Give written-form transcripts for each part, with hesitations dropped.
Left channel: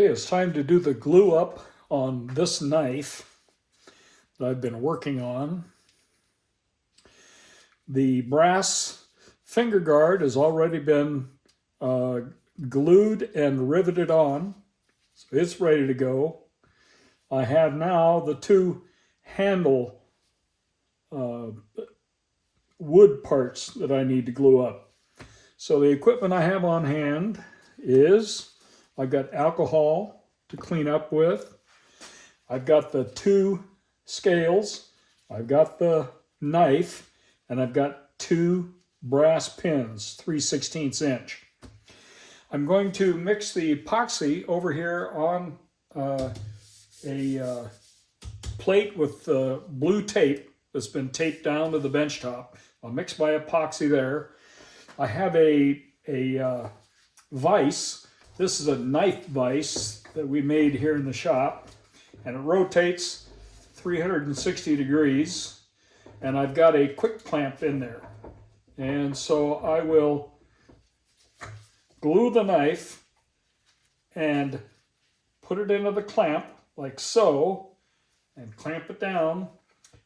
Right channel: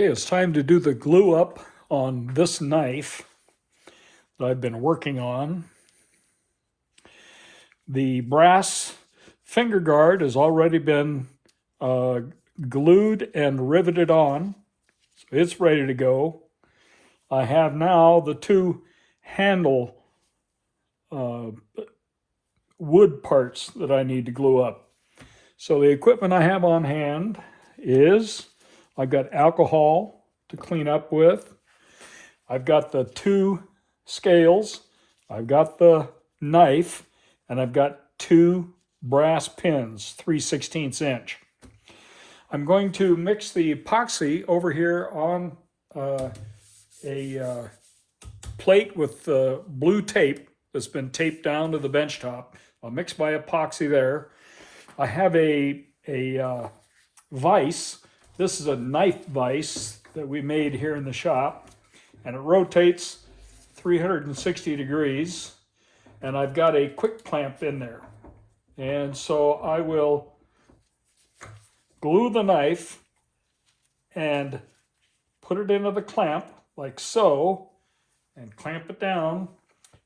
Okay, it's time to do the glue up on this knife that I've been working on. The brass finger guard has already been glued and riveted on, so it's ready to go. I have now the two handle wood parts that I need to glue up. So the equipment I have on hand is I've got alcohol to clean up with. I've got the two scales. I've got the knife, and I've got two brass pins, 3/16 inch. I'm going to mix the epoxy over here on a plate with blue tape that's been taped down to the bench top. I'll mix my epoxy there. I have a vise. This is a knife vise that we made here in the shop, and it rotates 360 degrees, and I've got a quick clamp in there. And so I will glue the knife and put it into the clamp like so, and clamp it down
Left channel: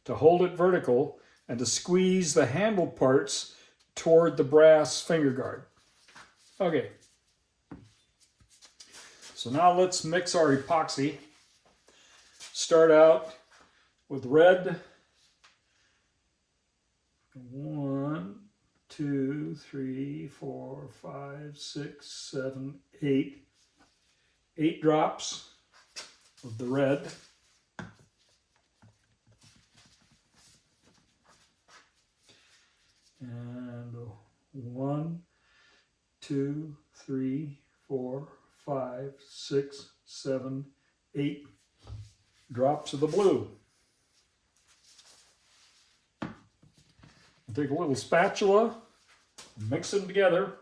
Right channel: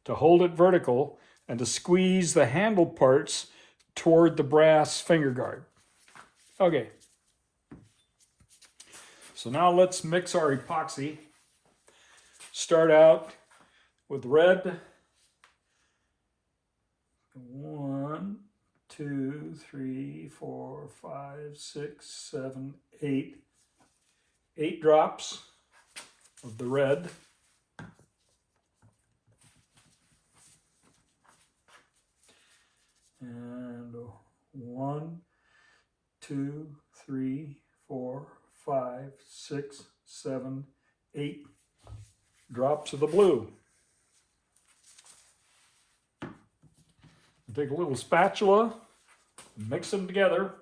to hold it vertical and to squeeze the handle parts toward the brass finger guard. Okay. So now let's mix our epoxy. Start out with red. 1, 2, 3, 4, 5, 6, 7, 8. 8 drops of the red. And 1, 2, 3, 4, 5, 6, 7, 8 drops of the blue. Take a little spatula, mix them together.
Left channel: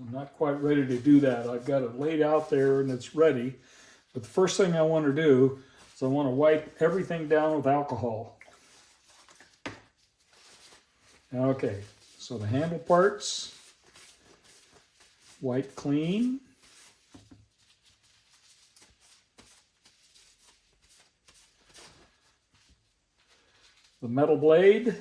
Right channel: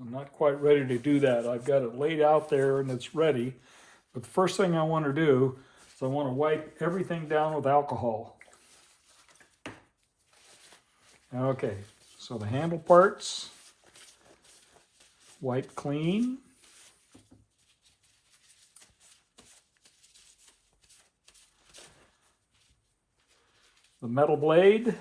I'm not quite ready to do that. I've got it laid out there and it's ready. But the first thing I want to do is I want to wipe everything down with alcohol. Okay, so the handle parts, wipe clean. The metal blade.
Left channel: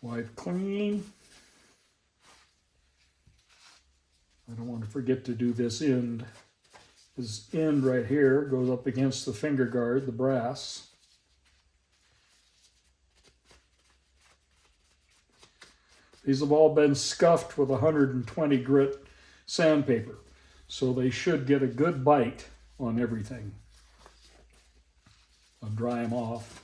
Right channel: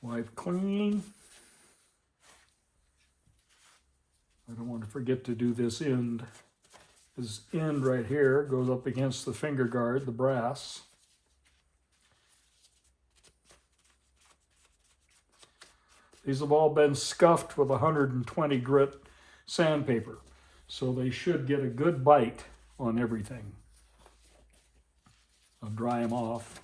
Wipe clean. I don't want to forget to do this end. This end right here goes up against the finger guard, the brass. These have all been scuffed with 120 grit sandpaper, so they should get a good bite on everything. I'll dry them off.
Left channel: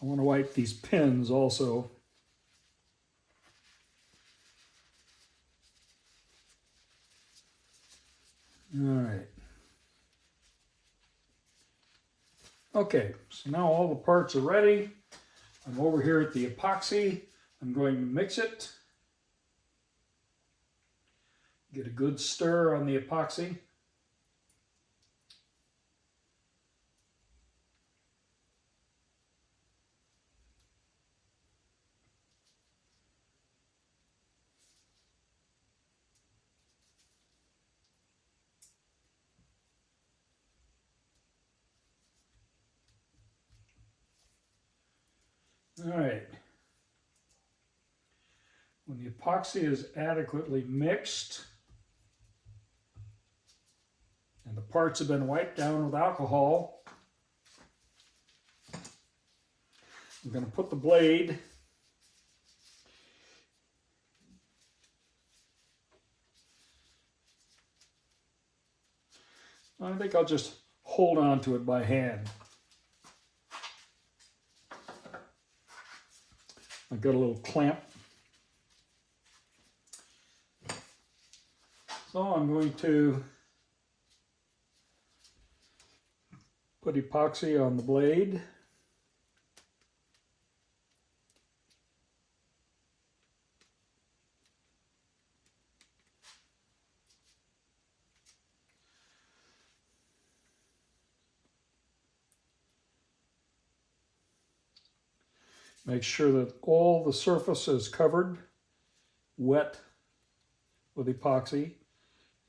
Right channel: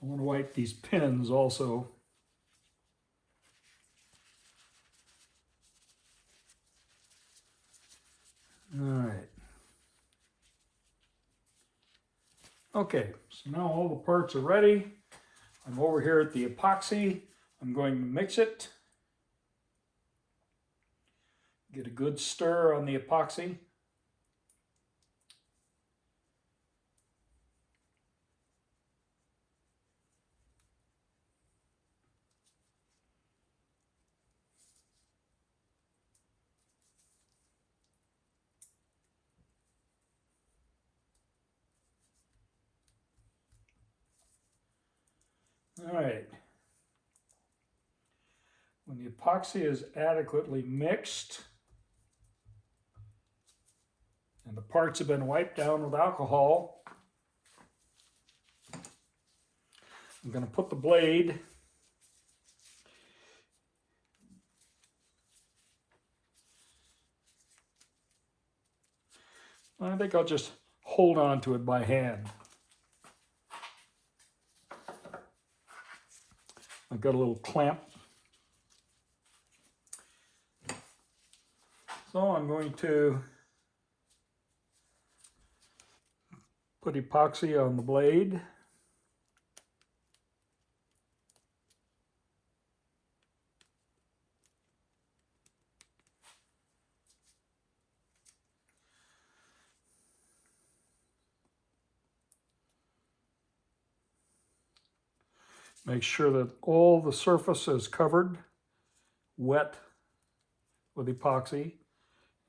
I want to wipe these pins also. All right. Okay, so now all the parts are ready. I'm over here at the epoxy. I'm going to mix it. Get a good stir on the epoxy. All right. When the epoxy is adequately mixed and the parts have been wiped down with alcohol, I'm going to put the blade I think I'll just hold on to it by hand. I've got a little clamp. So I'm going to put epoxy on the blade. Make sure that all the surface is covered, wet with epoxy,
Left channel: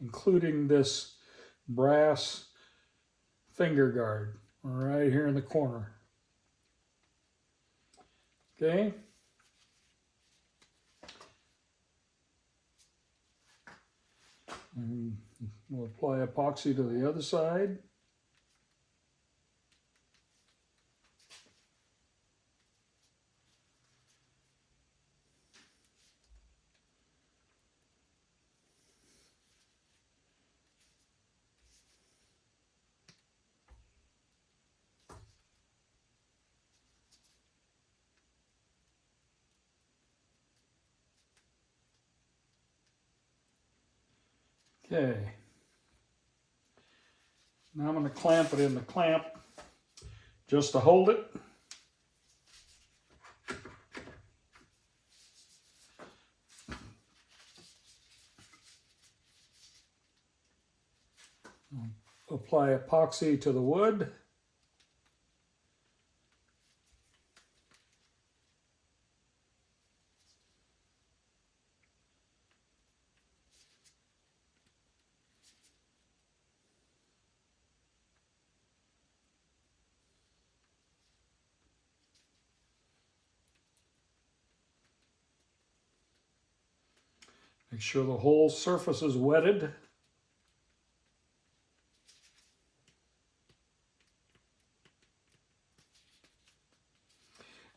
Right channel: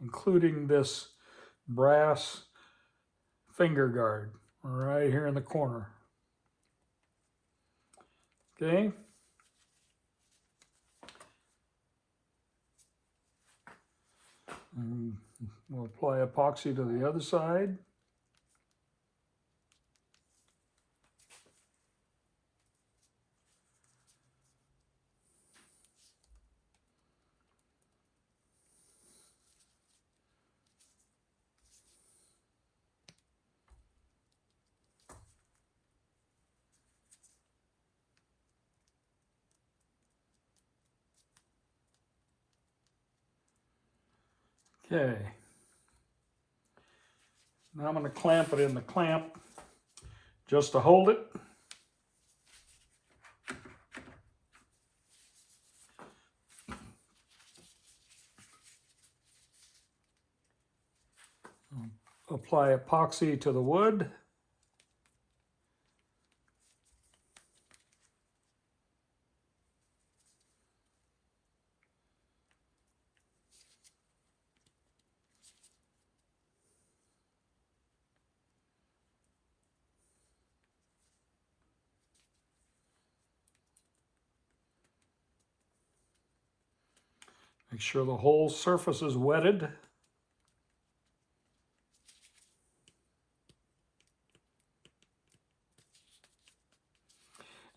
including this brass finger guard right here in the corner. Okay. And we'll apply epoxy to the other side. Okay. Now I'm going to clamp it in the clamp just to hold it. Apply epoxy to the wood. Make sure the whole surface is wetted.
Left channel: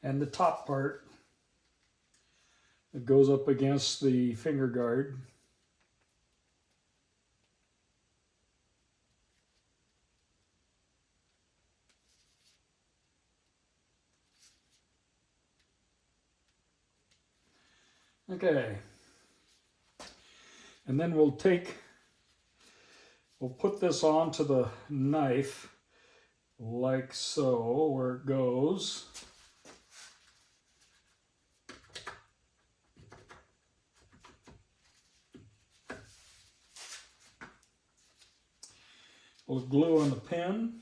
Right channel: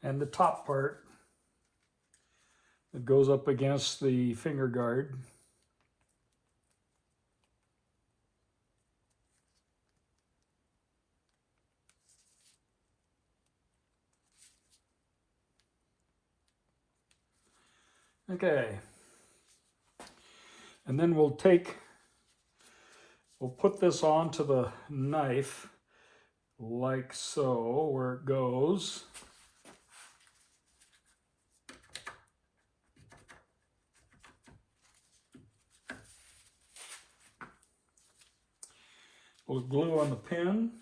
And the top part that goes up against the finger guard. Okay. And then we'll put this onto the knife like so, where it goes. We'll glue on the pin.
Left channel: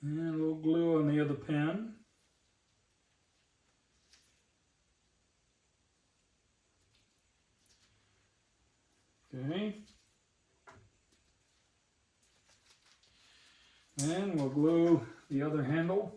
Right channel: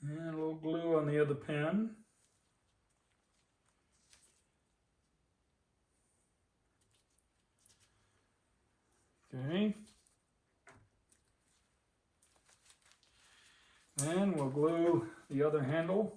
And we'll glue on the other pin. Okay. And we'll glue the other handle.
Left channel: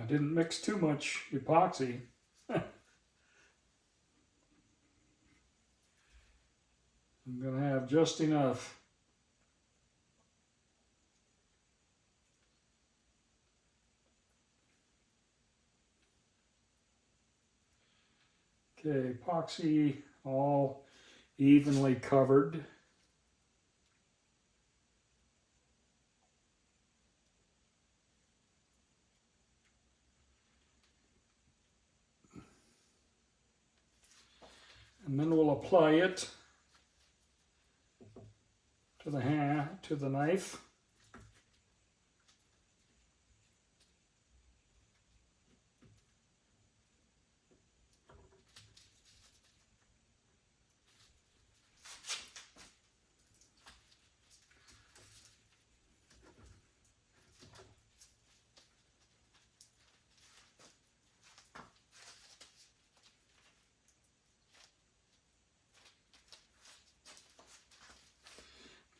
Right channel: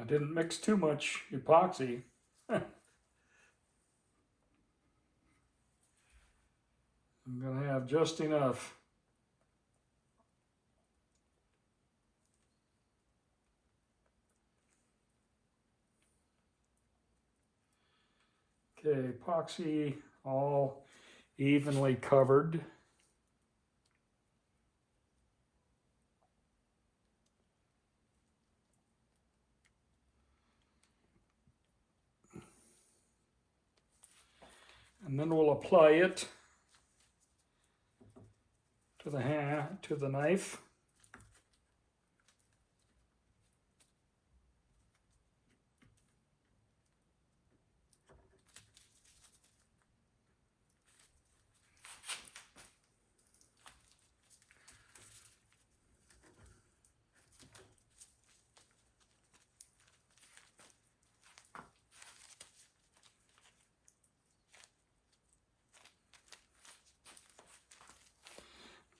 I didn't mix too much epoxy. I'm going to have just enough. Okay, epoxy all evenly covered. And then we'll apply it to the knife.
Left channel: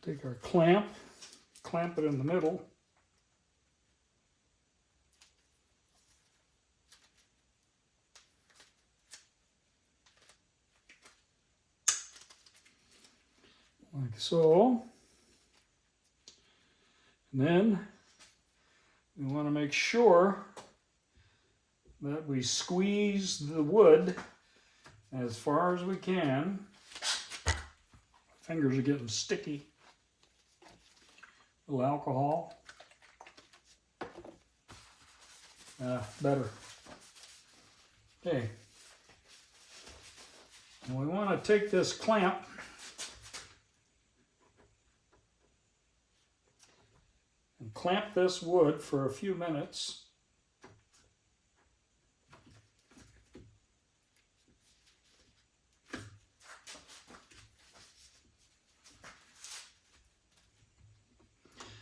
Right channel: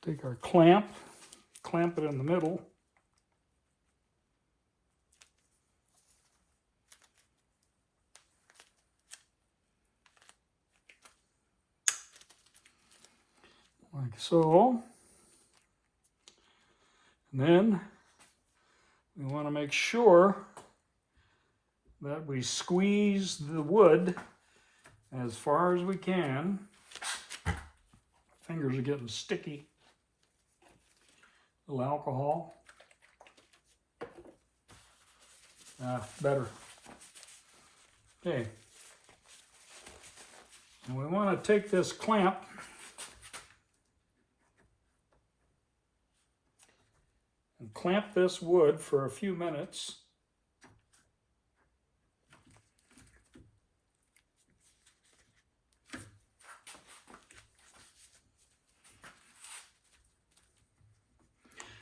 Take our clamp it in the middle. Like so. And then we want to make sure that we squeeze the wood as far as we can. Fingers are getting sticky. A little alcohol. Better. Okay. And we want to take this clamp and clamp this wood for a few minutes.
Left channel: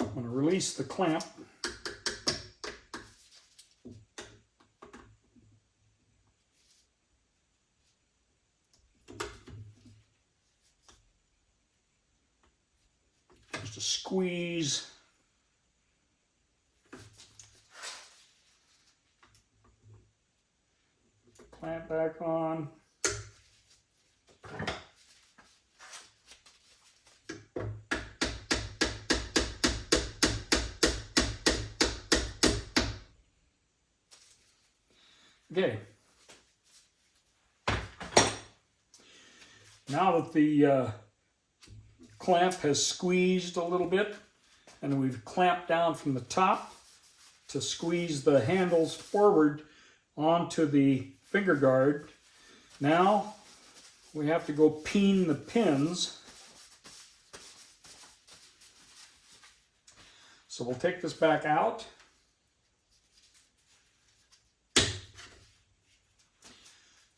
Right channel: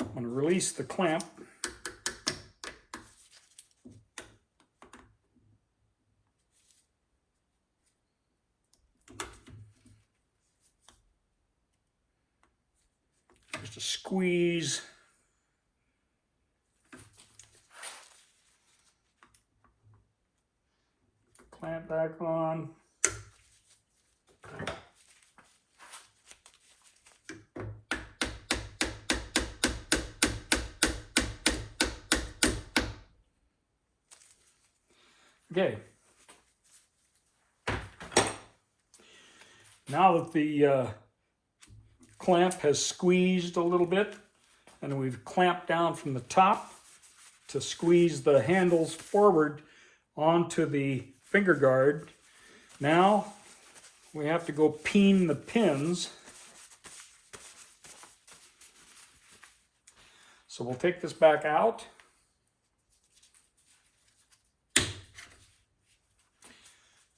I'm going to release the clamp. Just a squeeze. Clamp back on. Okay. Now that the clamp has squeezed a little bit and we've clamped down from the top to squeeze the handles forward onto the finger guard, now we have to go peen the pins. So we'll take this back out.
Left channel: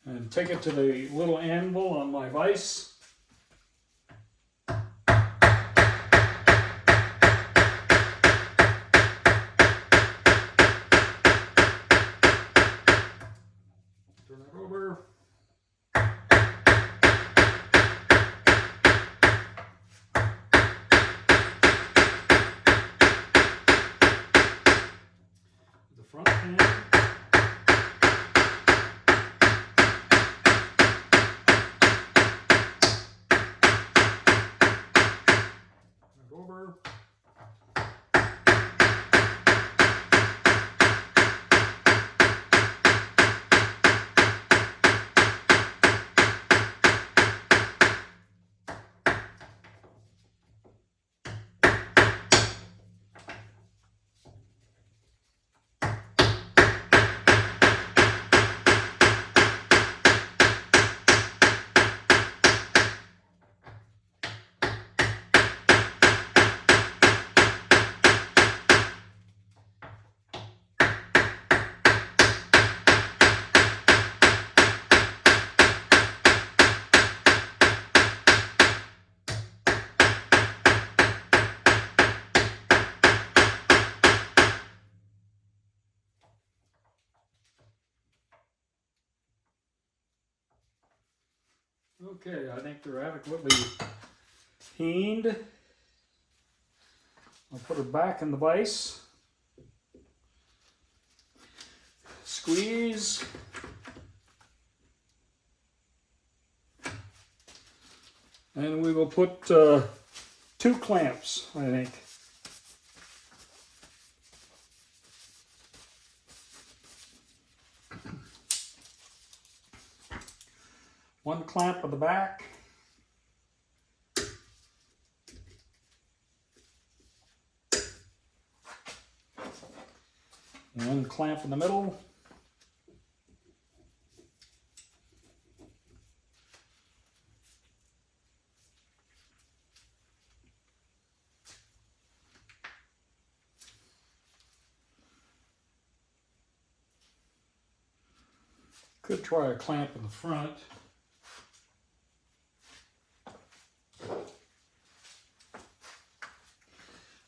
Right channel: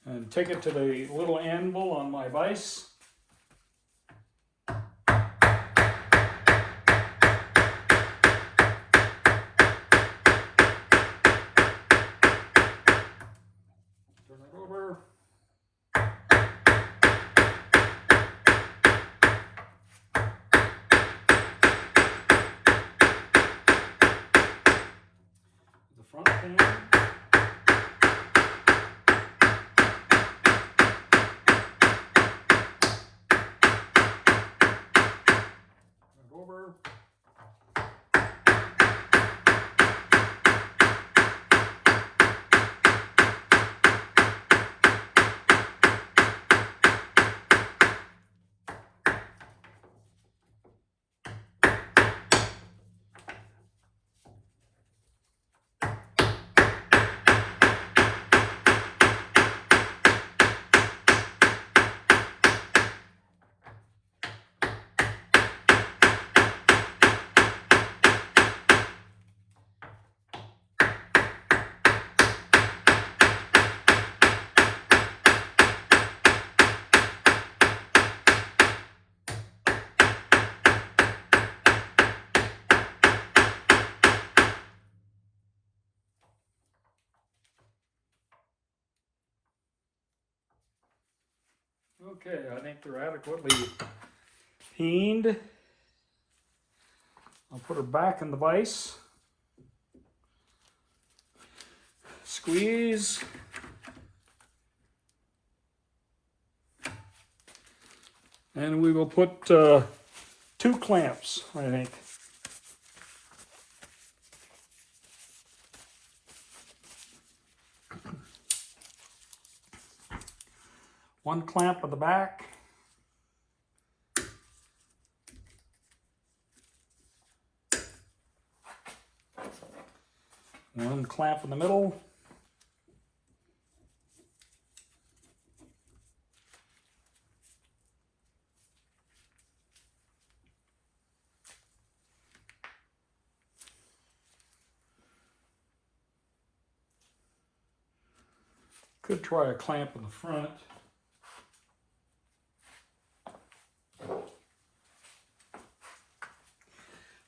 And take it to the little anvil on my vise. Turn it over. The front pin. Over. Okay, I think they're adequately peened. I'll put her back in the vise. Squeeze. And we will put 2 clamps, I think. One clamp at the back. One clamp in the middle. Could try a clamp in the front.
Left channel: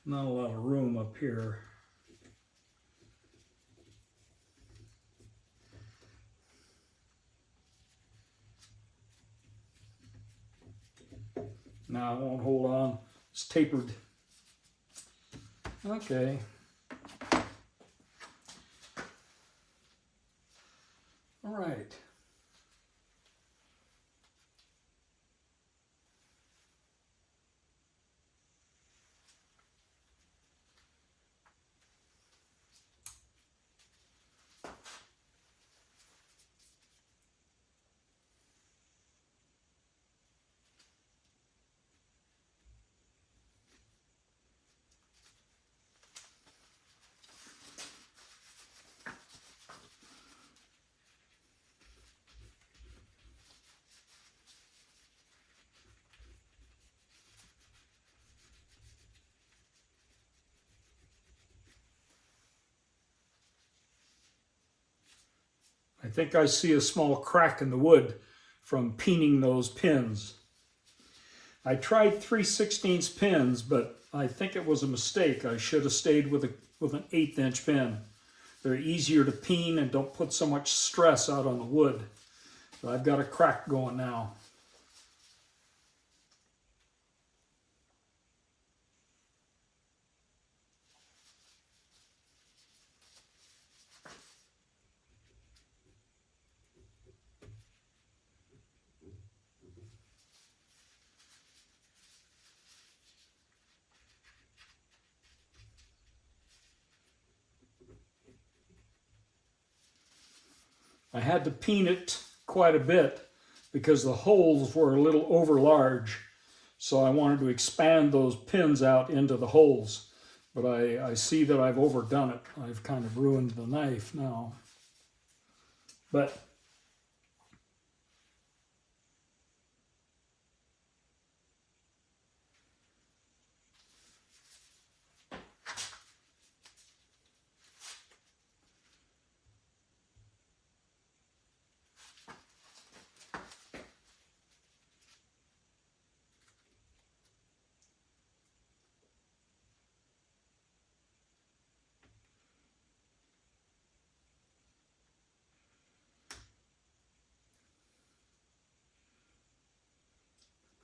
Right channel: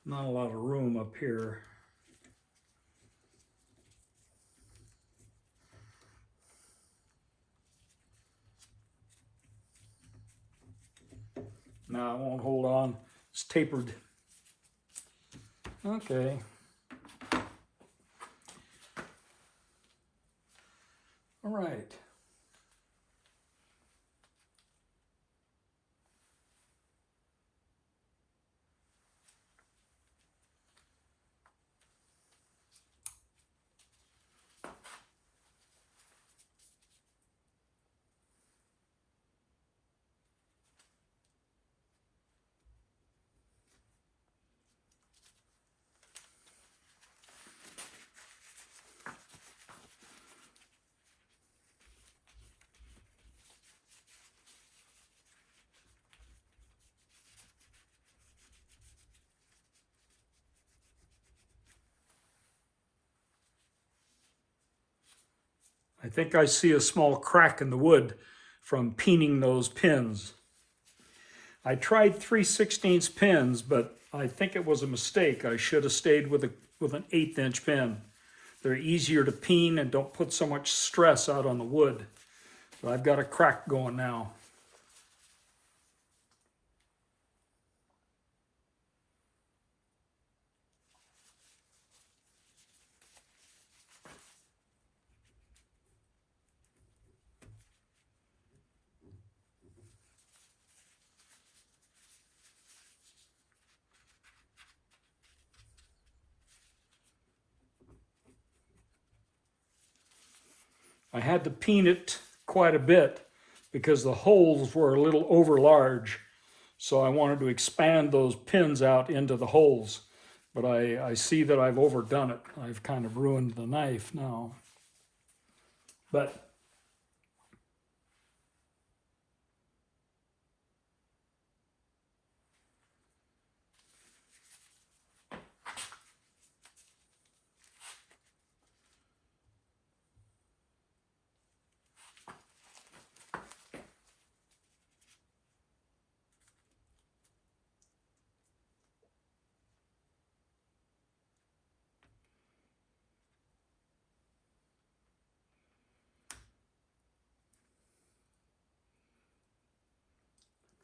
Not a lot of room up here. No, I won't hold on. It's tapered. Okay. All right. I think I see a small crack in the wood from peening those pins. I tried 3/16 pins, but I think it was a mistake. I should have stayed with an 1/8" pin. They're easier to peen and don't put so much stress out on the wood. But I've got a crack going now. I had to peen it quite a bit because the holes were a little over large. So I wanted to expand those pins out into the holes. But I see that I've overdone it. I've kind of ruined the knife now. But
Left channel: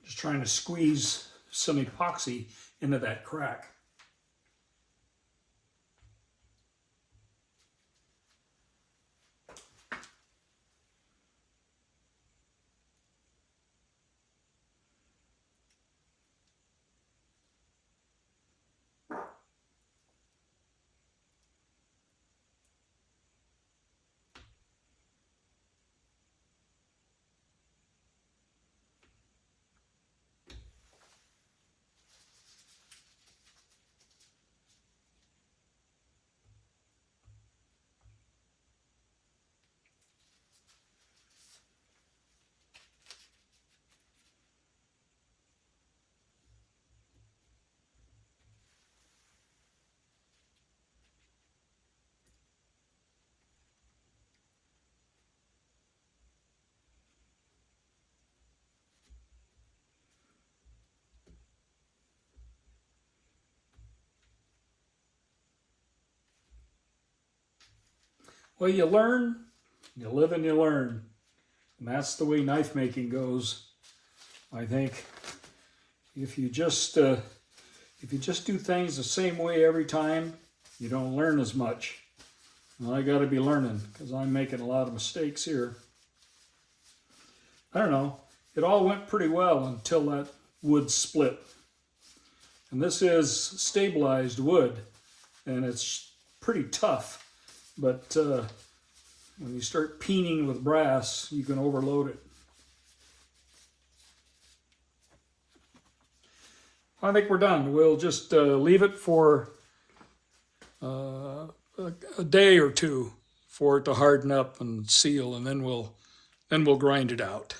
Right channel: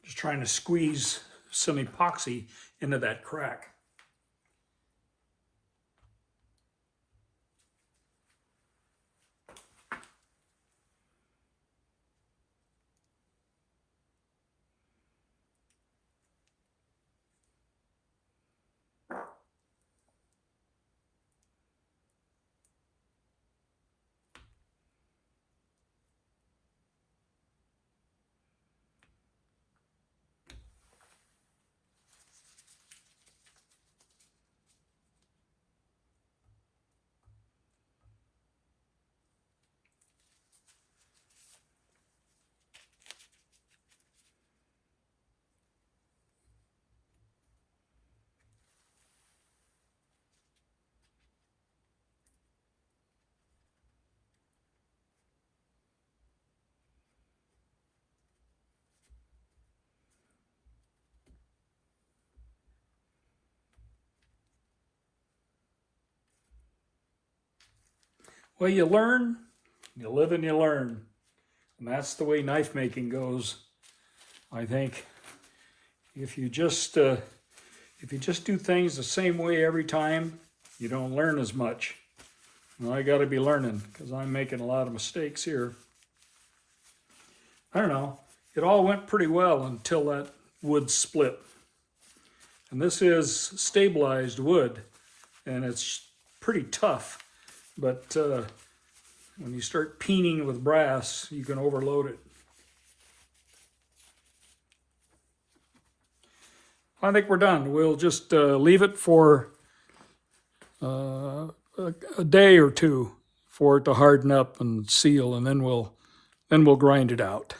just trying to squeeze some epoxy into that crack. Well, you learn, you live and you learn. And that's the way knife making goes. I think if you just do things the same way every time, you don't learn as much. Well, I got to be learning because I'm making a lot of mistakes here. I don't know. It all went pretty well until that wood split. And this is stabilized wood, and it's pretty tough. But when you start peening with brass, you can overload it. I think we're done. We'll just leave it for a day or two for it to harden up and seal, and then we'll grind it out.